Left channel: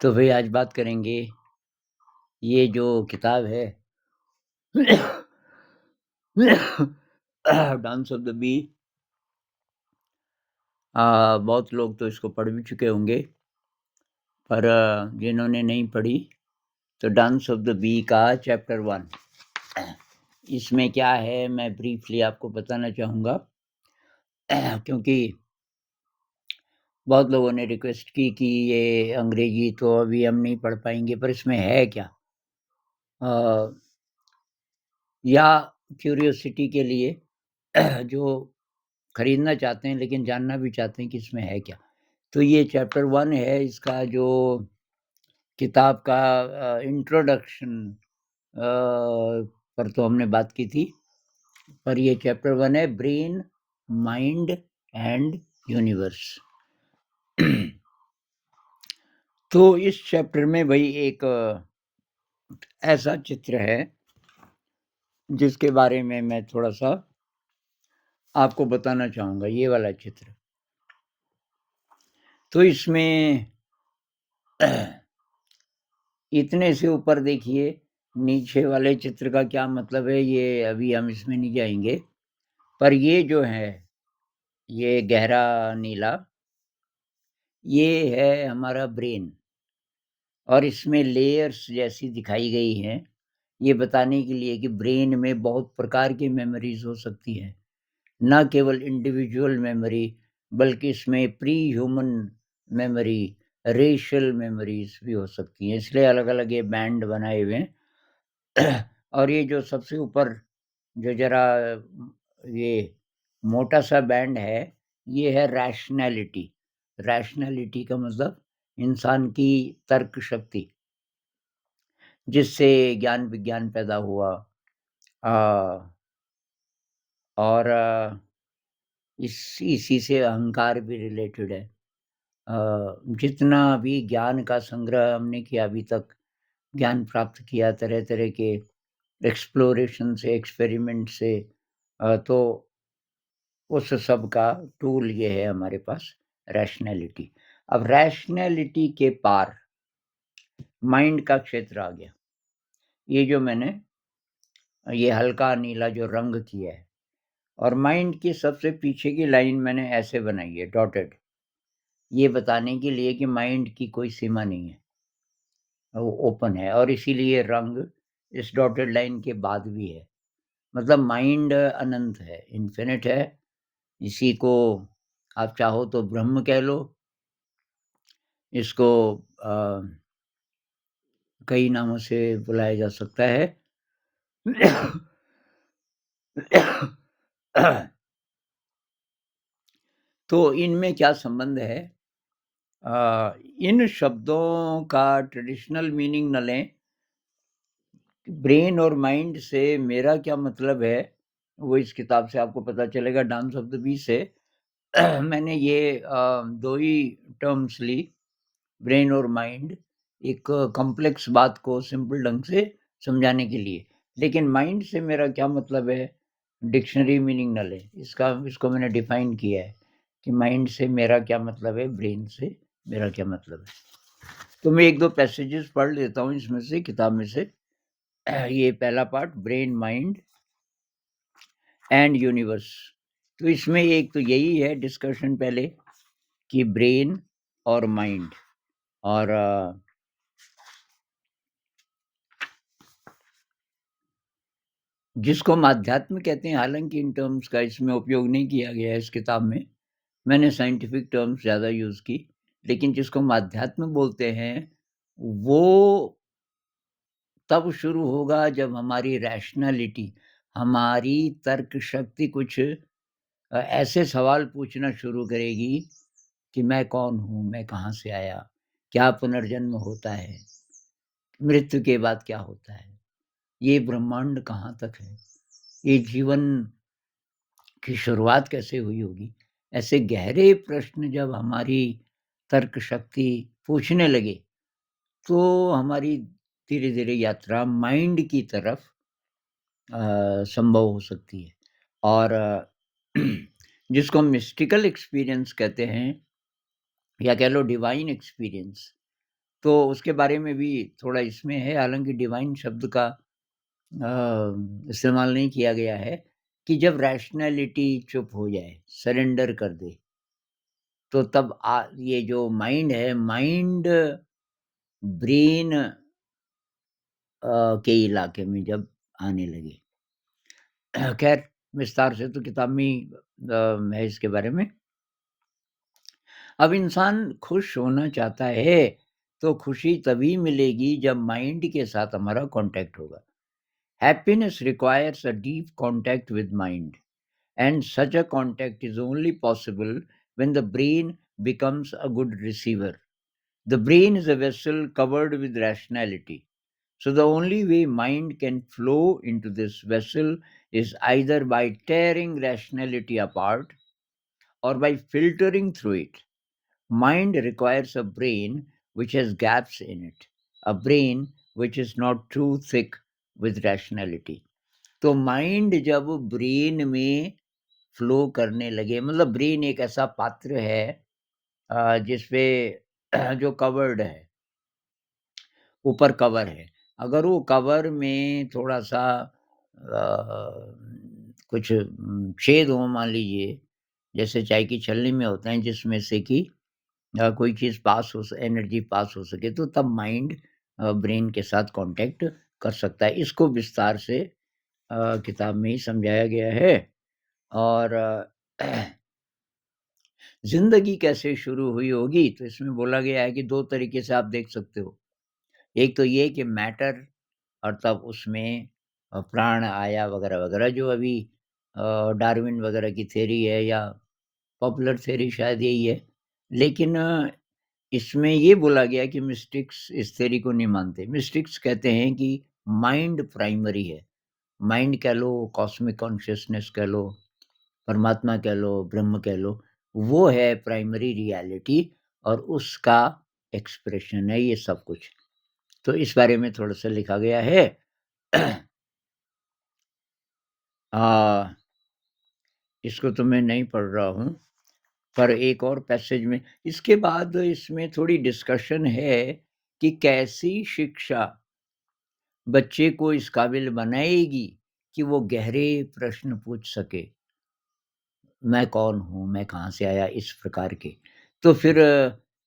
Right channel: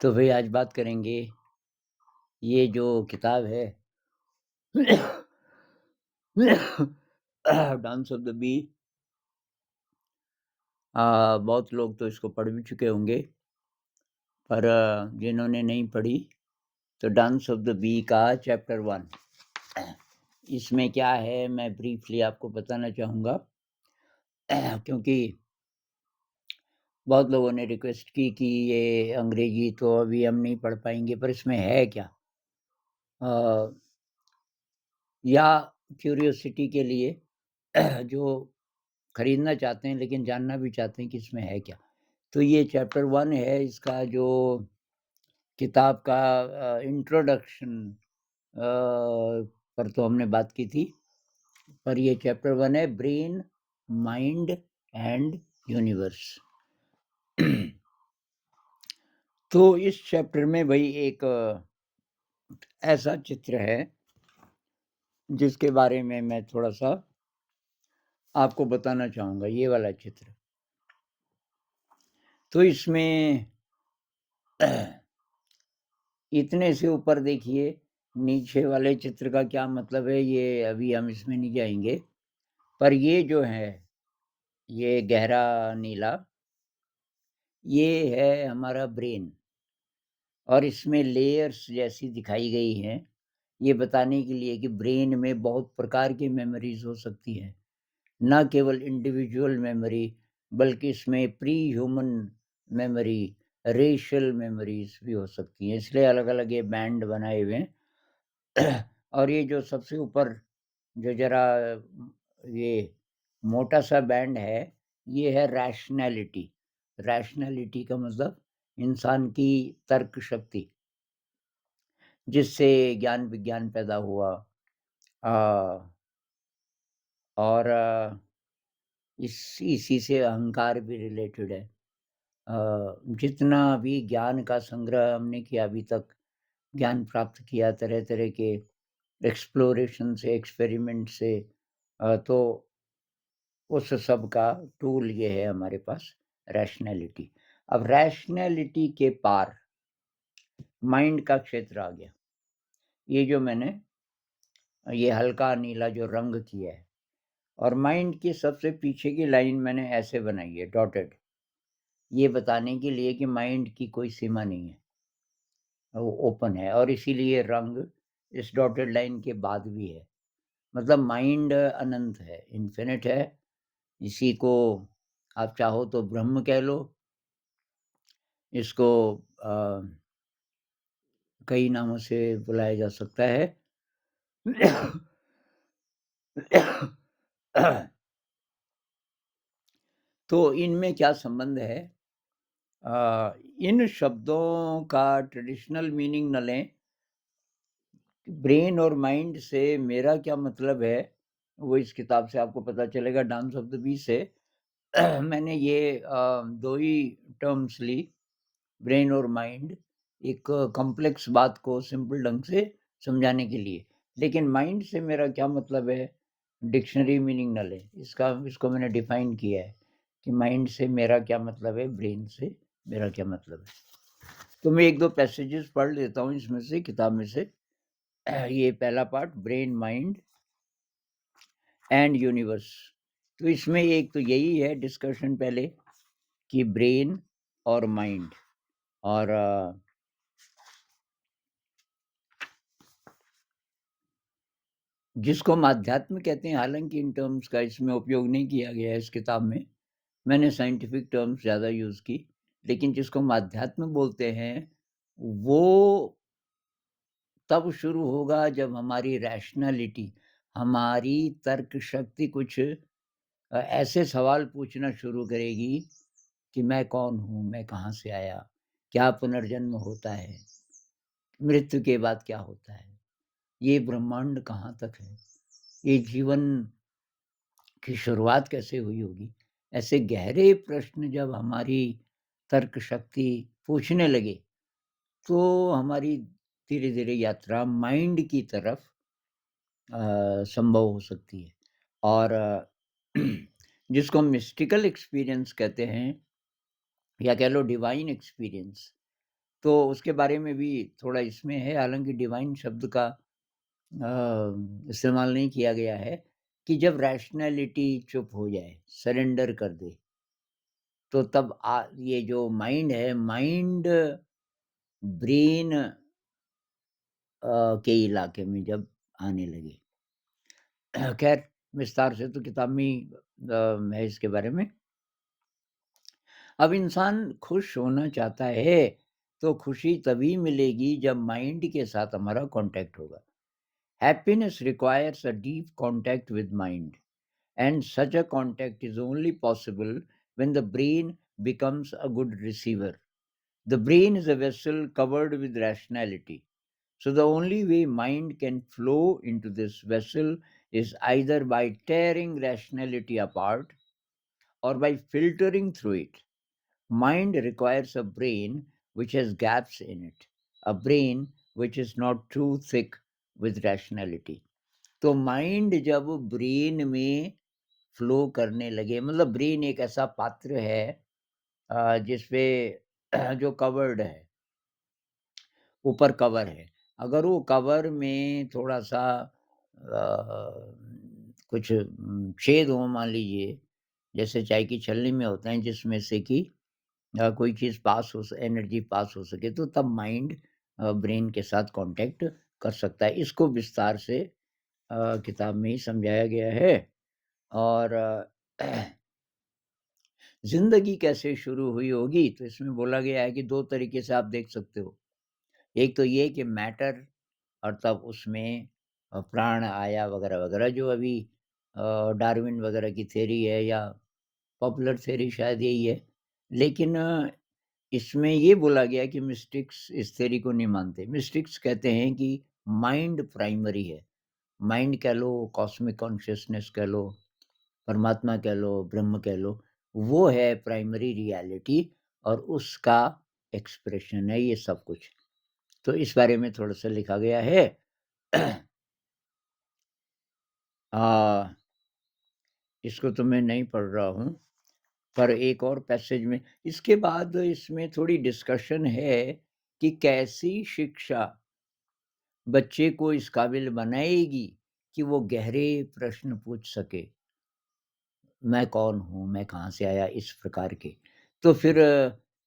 तो भाई आज बात करेंगे ये जो किताब है डांस ऑफ द बी। बहुत लोग तो इसको पढ़ भी चुके होंगे, पर जिन्होंने नहीं पढ़ी तो डांस ऑफ द बी का चैप्टर 1 इसमें क्या है मैं ब्रीफली आपको बताना चाहूँगा। क्योंकि बहुत लोगों ने रिक्वेस्ट की कि ये अंग्रेजी तो अभी हम नहीं पढ़ पाएँगे, पर इसमें है क्या? अ, या क्यूरियोसिटी के लिए जो खरीदना चाहते हैं लेकिन जानना भी चाहते हैं कि इसमें है क्या? तो ये चैप्टर 1 है इसका जो किताब का इंट्रोडक्शन पर तो हमने बात की थी, पर ये चैप्टर 1 है ब्रेन, माइंड एंड यूनिवर्स। तो इस चैप्टर में भई एक ऐसा चित्र है जिसके बारे में मैं थोड़ा-सा आपको बताना चाहूँगा, ये वाला चित्र। तो इसमें इतने से ऊपर देखिए, नीचे वाले चित्र का क्या मतलब है ये अभी हम इसमें नहीं जाएँगे। पर ये जो है, ये गहरा नीला, ये है हमारा ब्रेन और इसमें लेयर्स जैसी दिखाई गई हैं, ये बताने के लिए कि ब्रेन में बहुत प्रकार की मेमोरीज़ हो सकती हैं। ना केवल इंडिविजुअल मेमोरी, बल्कि इसमें pre human memory, racial memories भी हो सकती हैं, इसलिए अलग-अलग ये बैंड बनाए हुए हैं। और ये जो सबसे ऊपर जो ज़रा ये मोटा-सा बैंड है, ये है रैशनैलिटी। रैशनैलिटी का मतलब इंसान की तर्क शक्ति, जिससे ज्ञान-विज्ञान पैदा हुआ। अ, और इसी से अहंकार भी रिलेटेड है। जितना भी ज्ञान का संग्रह हमने किया अभी तक, ज्ञान प्राप्त किया तरह-तरह के एक्सप्लोरेशन से, एक्सपेरिमेंट से, तो उस सब का टूल ये है हमारे पास रैशनैलिटी। अब रैशनैलिटी के पार माइंड का क्षेत्र आ गया। ये जो मैंने ये हल्का नीला जो रंग किया है और माइंड की सबसे पीछे की लाइन मैंने ऐसे बनाई है डॉटेड, ये बताने के लिए कि माइंड की कोई सीमा नहीं है, वो ओपन है और इसीलिए रंग इस डॉटेड लाइन के बाद भी है। मतलब माइंड अनंत है, इन्फिनिट है। इसी को आप चाहो तो ब्रह्म कह लो, इसको अ, कई नामों से बुलाया जा सकता है। तो इनमें क्या संबंध है? इन शब्दों का ट्रेडिशनल मीनिंग न लें, ब्रेन और माइंड से मेरा क्या मतलब है, वो इस किताब से आपको पता चलेगा डांस ऑफ द बी से। मैंने ये 2 ही टर्म्स ली, ब्रेन और माइंड, एक कॉम्प्लेक्स बात को सिंपल ढंग से समझाने के लिए। लेकिन माइंड से मेरा क्या मतलब है, डिक्शनरी मीनिंग ना लें। इसको मैंने डिफाइन किया है कि माइंड से मेरा क्या मतलब है, ब्रेन से मेरा क्या मतलब है। तो मैं 1-2 पैसेजेस पढ़ लेता हूँ इसमें से, किताब में से। ये पहला part brain, mind and universe. तो इसमें एक तो यही है डिस्कशन पहले कि ब्रेन और माइंड और जिसको हम अध्यात्म कहते हैं, हालाँकि इन टर्म्स का इसमें उपयोग नहीं किया गया है इस किताब में। मैंने साइंटिफिक टर्म्स ज़्यादा यूज़ की, लेकिन जिसको हम अध्यात्म बोलते हैं, वो तब शुरू होगा जब हमारी रैशनैलिटी, हमारी तर्क शक्ति कुछ ऐसे सवाल पूछना शुरू करेगी कि मैं कौन हूँ? मैं कहाँ से आया? क्या पुनर्जन्म होता है? मृत्यु के बाद क्या होता है? ये ब्रह्मांड कहाँ तक है? ये जीवन की शुरुआत कैसे हुई होगी? ऐसे गहरे प्रश्न जब हमारी तर्क शक्ति पूछने लगे, तो हमारी धीरे-धीरे यात्रा माइंड की तरफ संभव हो सकती है। और जिसको हम मिस्टिकल एक्सपीरियंस कहते हैं, या कह लो डिवाइन एक्सपीरियंस। तो उसके बारे में भी थोड़ा इसमें है, हालाँकि डिवाइन शब्द का इस्तेमाल नहीं किया गया है, कि जब रैशनैलिटी चुप हो जाए, सरेंडर कर दे, तो तब ये जो माइंड है, माइंड ब्रेन के इलाके में जब आने लगे। खैर विस्तार से तो किताब में ही है इसके बारे में। अब इंसान खुश होना चाहता है, तो खुशी तभी मिलेगी जब माइंड के साथ हमारा कॉन्टैक्ट होगा। Happiness requires a deep contact with mind, and such a contact is only possible when the brain becomes a good receiver. The brain is a vessel covered with rationality. So the only way mind can flow into this vessel is either by tearing rationality apart or by filtering through it. Mind requires a brain which has gaps in it, a brain which is not too thick with rationality. तो mind जब brain में flow करने लगे, मतलब brain एक ऐसा पात्र है जिसपे जो कवर्ड है, ऊपर कवर है। अगर वो कवर में थोड़ा-सा कुछ छेद हो मान लीजिए, जैसे चाय की छलनी में होते हैं जिसमें से कि कोई चीज़ पास हो स एनर्जी पास हो सके, तो तब माइंड ब्रेन के साथ कॉन्टैक्ट कर सकता है। इसको विस्तार से किताब में ही समझाया गया है। और ज़िंदगी कैसे शुरू हुई होगी? तो इसमें बोला गया है कि 2 तरीके से आप देख सकते हो। एक तो ये कि मैटर, और तब उसमें प्राण आया वगैरह-वगैरह, जो अभी डार्विन वगैरह की थ्योरी है, या पॉपुलर थ्योरी शायद यही है। लेकिन इसमें ये बोला गया कि मिस्टिक्स इस थ्योरी को नहीं मानते। मिस्टिक्स कहते हैं कि माइंड प्राइमरी है। माइंड कह लो, कॉस्मिक कॉन्शियसनेस कह लो, परमात्मा कह लो, ब्रह्म कह लो, वो है प्राइमरी रियलिटी, और उसका एक्सप्रेशन है ये सब कुछ। तो इस बारे में थोड़ा-सा लिखा गया है। अ, इसको तो मैं नहीं पढ़ रहा हूँ, पर एक और पैसेज में इसके बाद इसमें थोड़ी डिस्कशन है कि कैसी शिक्षा बच्चे को इस काबिल बनाएगी कि वो गहरे प्रश्न पूछ सके। मैं कौन हूँ? मैं कहाँ से आया? इस प्रकार के। तो फिर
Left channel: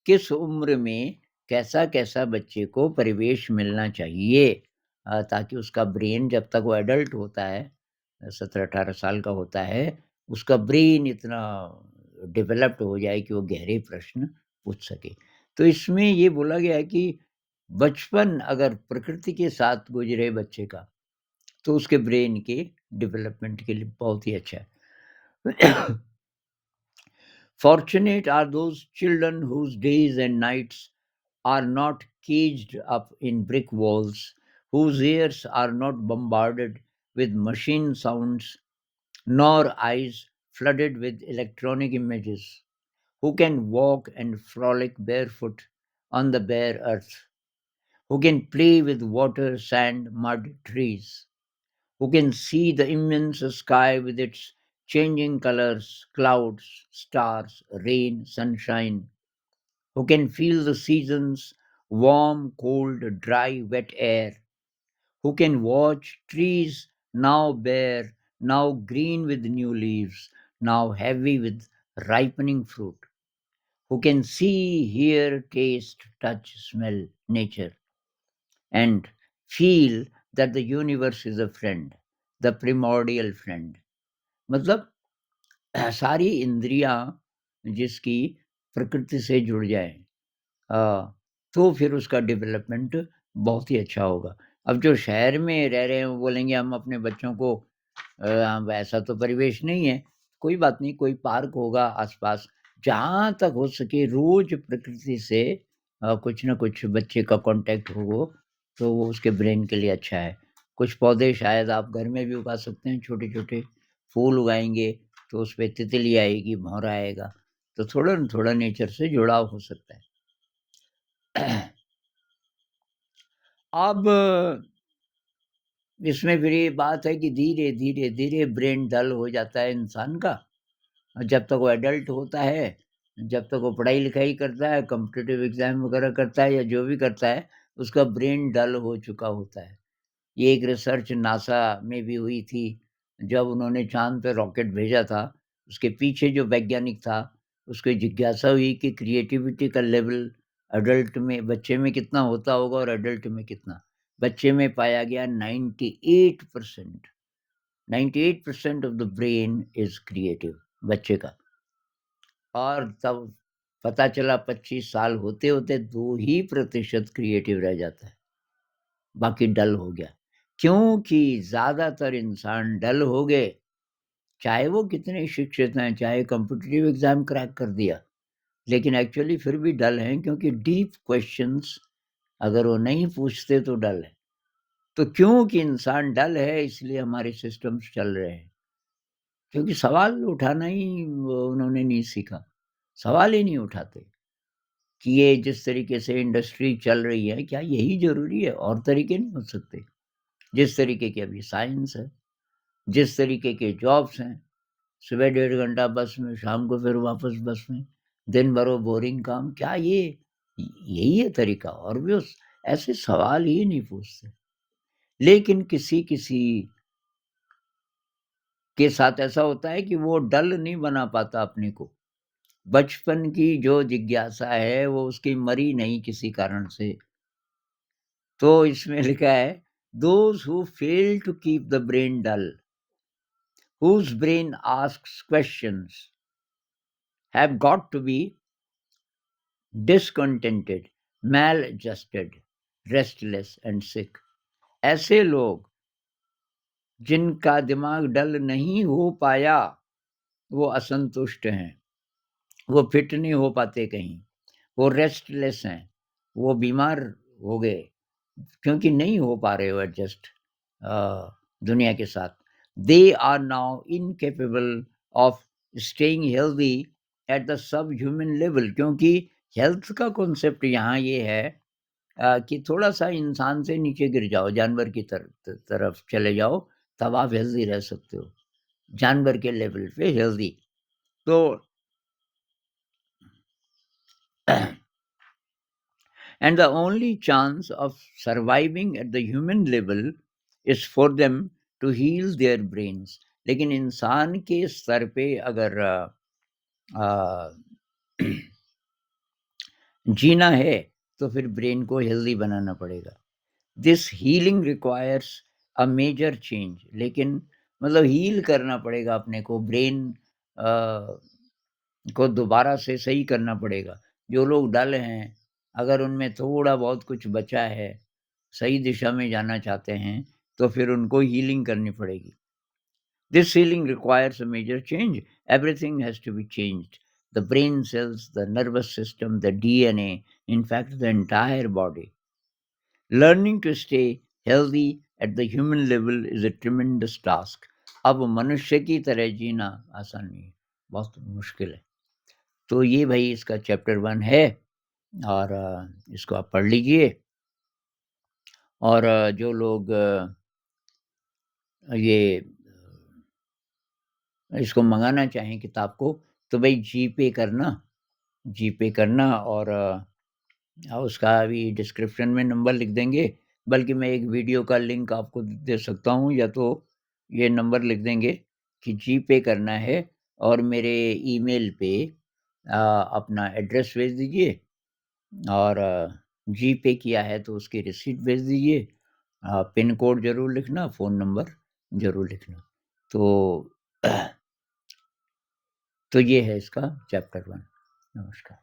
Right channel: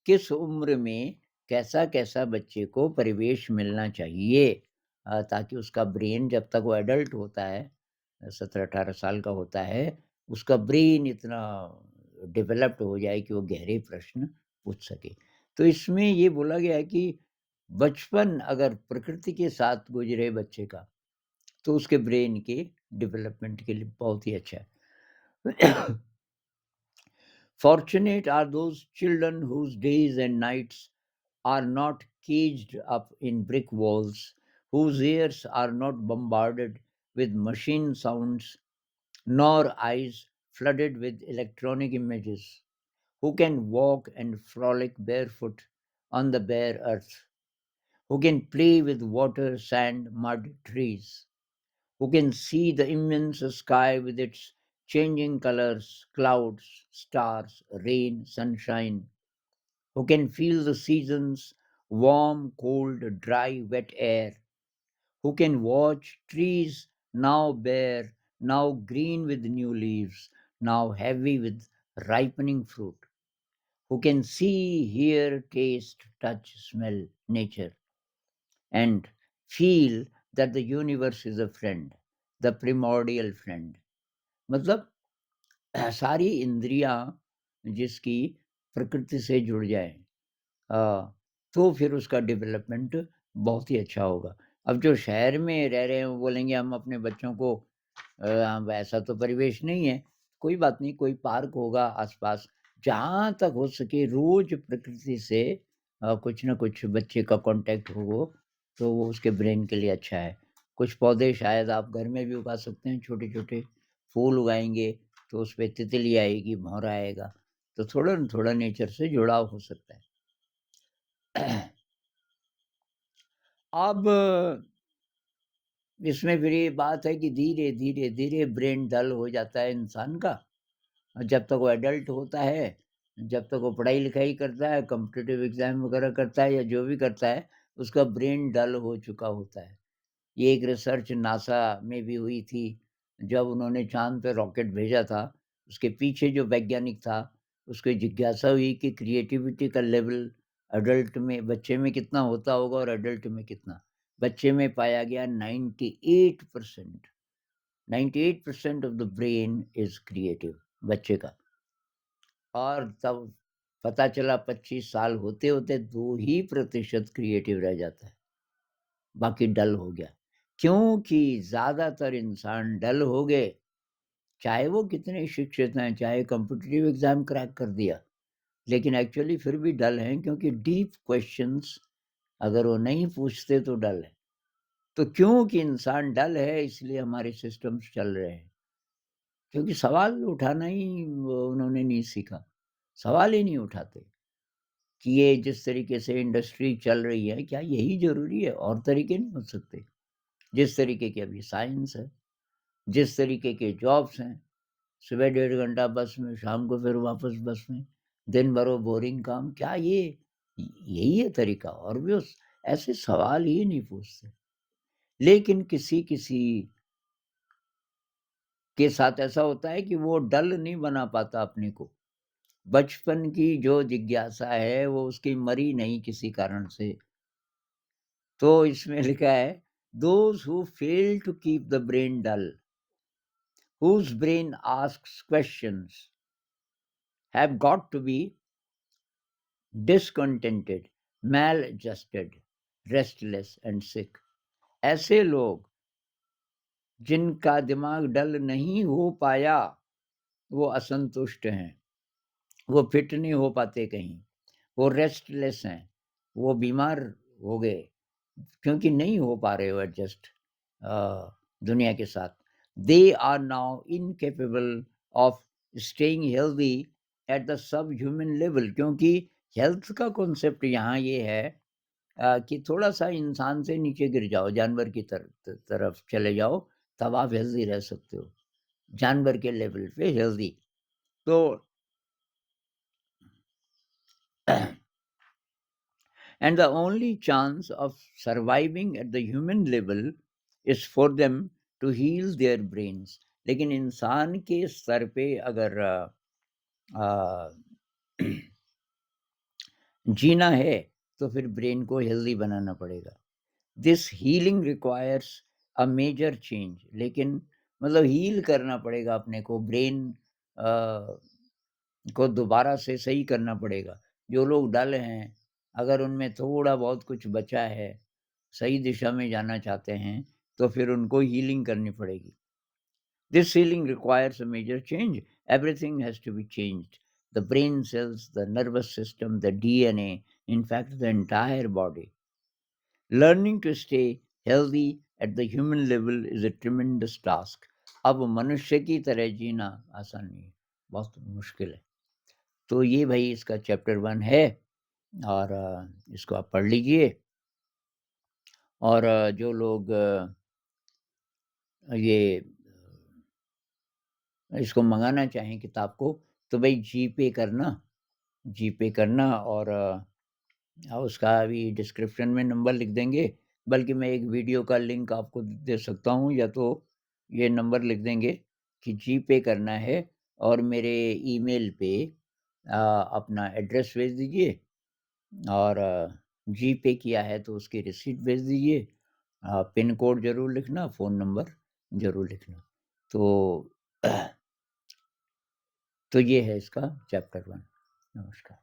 किस उम्र में कैसा-कैसा बच्चे को परिवेश मिलना चाहिए, ताकि उसका ब्रेन जब तक वो एडल्ट होता है, 17-18 साल का होता है, उसका ब्रेन इतना डेवलप्ड हो जाए कि वो गहरे प्रश्न पूछ सके। तो इसमें ये बोला गया है कि बचपन अगर प्रकृति के साथ गुज़रे बच्चे का, तो उसके ब्रेन के डेवलपमेंट के लिए बहुत ही अच्छा है। Fortunate are those children whose days and nights are not caged up in brick walls, whose ears are not bombarded with machine sounds, nor eyes flooded with electronic images, who can walk and frolic barefoot on the bare earth, who can play with water, sand, mud, trees, who can see the immense sky with its changing colors, clouds, stars, rain, sunshine, who can feel the seasons, warm, cold, dry, wet air, who can watch trees now bare, now green with new leaves, now heavy with ripening fruit, who can see, hear, taste, touch, smell nature, and feel that the universe is a friend, the primordial friend. मतलब सारी इंद्रियां जिसकी प्रकृति से जुड़ जाए, तो फिर उसका डेवलपमेंट बहुत ही अच्छा होगा। अब जो शहर में रह रहे हैं वो बोलेंगे हम अपने बच्चों को वैसा तो परिवेश नहीं है। कोई बात नहीं, कोई पार्क होगा आस-पास, जहाँ तक हो सके रोज़ प्रकृति से कुछ न कुछ बच्चे का कॉन्टैक्ट हो, तो वो उसके ब्रेन के लिए अच्छा है। कुछ पौधे शायद आप घर में भी उगा सकते हैं, छोटे-छोटे फूल उगाएँगे, तो उसपे तितली आएगी, भँवरा आएगा, तो थोड़ा न थोड़ा नेचर से जुड़ाव हो सकता है। अब इसमें फिर ये बात है कि धीरे, धीरे, धीरे ब्रेन डल हो जाता है इंसान का, जब तक वो एडल्ट होता है, जब तक वो पढ़ाई-लिखाई करता है, कॉम्पिटिटिव एग्ज़ाम वगैरह करता है या जो भी करता है, उसका ब्रेन डल हो चुका होता है। ये एक रिसर्च नासा में भी हुई थी, जब उन्होंने चाँद पे रॉकेट भेजा था, उसके पीछे जो वैज्ञानिक था, उसको जिज्ञासा हुई कि क्रिएटिविटी का लेवल एडल्ट में बच्चे में कितना होता होगा और एडल्ट में कितना? बच्चे में पाया गया 98%, 98% of the brain is creative बच्चे का। और तब पता चला 25 साल होते-होते 2 ही प्रतिशत क्रिएटिव रह जाता है, बाकी डल हो गया। क्योंकि ज़्यादातर इंसान डल हो गए, चाहे वो कितने शिक्षित हैं, चाहे कॉम्पिटिटिव एग्ज़ाम क्रैक कर दिया, लेकिन एक्चुअली फिर भी डल हैं क्योंकि डीप क्वेश्चन्स अगर वो नहीं पूछते तो डल है। तो क्योंकि इंसान डल है इसलिए हमारे सिस्टम्स चल रहे हैं, क्योंकि सवाल उठाना ही वो उन्होंने नहीं सीखा। सवाल ही नहीं उठाते। कि ये जिस तरीके से इंडस्ट्री चल रही है, क्या यही ज़रूरी है? और तरीके नहीं हो सकते? जिस तरीके की अभी साइंस है, जिस तरीके के जॉब्स हैं, सुबह 1.5 घंटा बस में, शाम को फिर वापस बस में, दिन भर वो बोरिंग काम, क्या ये यही है तरीका? और भी उस ऐसे सवाल ही नहीं पूछते। लेकिन किसी-किसी के साथ ऐसा होता है कि वो डल नहीं बना पाता अपने को। बचपन की जो जिज्ञासा है, वो उसकी मरी नहीं किसी कारण से। तो इसमें लिखा है those who fail to keep the brain dull whose brain asks questions have got to be discontented, maladjusted, restless and sick. ऐसे लोग जिनका दिमाग डल नहीं हो पाया वो असंतुष्ट हैं, वो फिट नहीं हो पाते कहीं, वो रेस्टलेस हैं, वो बीमार हो गए क्योंकि नहीं हो पा रहे हो एडजस्ट दुनिया के साथ। They are now incapable of staying healthy at the sub human level, क्योंकि हेल्थ का कॉन्सेप्ट यहाँ ये है कि थोड़ा-सा इंसान से नीचे गिर जाओ, जानवर की तरफ चले जाओ, तब आप हेल्दी रह सकते हो। जानवर के लेवल पे हेल्दी। तो and the only chance of surviving at the human level is for them to heal their brains. लेकिन इंसान के स्तर पे अगर आ, जीना है तो फिर ब्रेन को हेल्दी बनाना पड़ेगा। This healing requires a major change, लेकिन मतलब हील करना पड़ेगा अपने को, ब्रेन को दोबारा से सही करना पड़ेगा। जो लोग डल हैं, अगर उनमें थोड़ा बहुत कुछ बचा है, सही दिशा में जाना चाहते हैं, तो फिर उनको हीलिंग करनी पड़ेगी। This healing requires a major change. Everything has to be changed. The brain cells, the nervous system, the DNA, in fact, the entire body. Learning to stay healthy at the human level is a tremendous task. अब मनुष्य की तरह जीना आसान नहीं है, बहुत मुश्किल है। तो ये भाई इसका चैप्टर 1 है और इसको आप पढ़ लीजिए। और जो लोग ये इसको मँगाना चाहें किताब को, तो भई जीपे करना और उसका अभी डिस्क्रिप्शन में नंबर लिख देंगे, बल्कि मैं एक वीडियो का लिंक आपको दे सकता हूँ, या तो ये नंबर लिख देंगे कि जीपे करना है और मेरे ईमेल पे अपना एड्रेस भेज दीजिए और जीपे किया है तो उसकी रिसीट भेज दीजिए। पिन कोड ज़रूर लिखना, फ़ोन नंबर ज़रूर लिखना। तो तो ये है इसका चैप्टर 1। नमस्कार।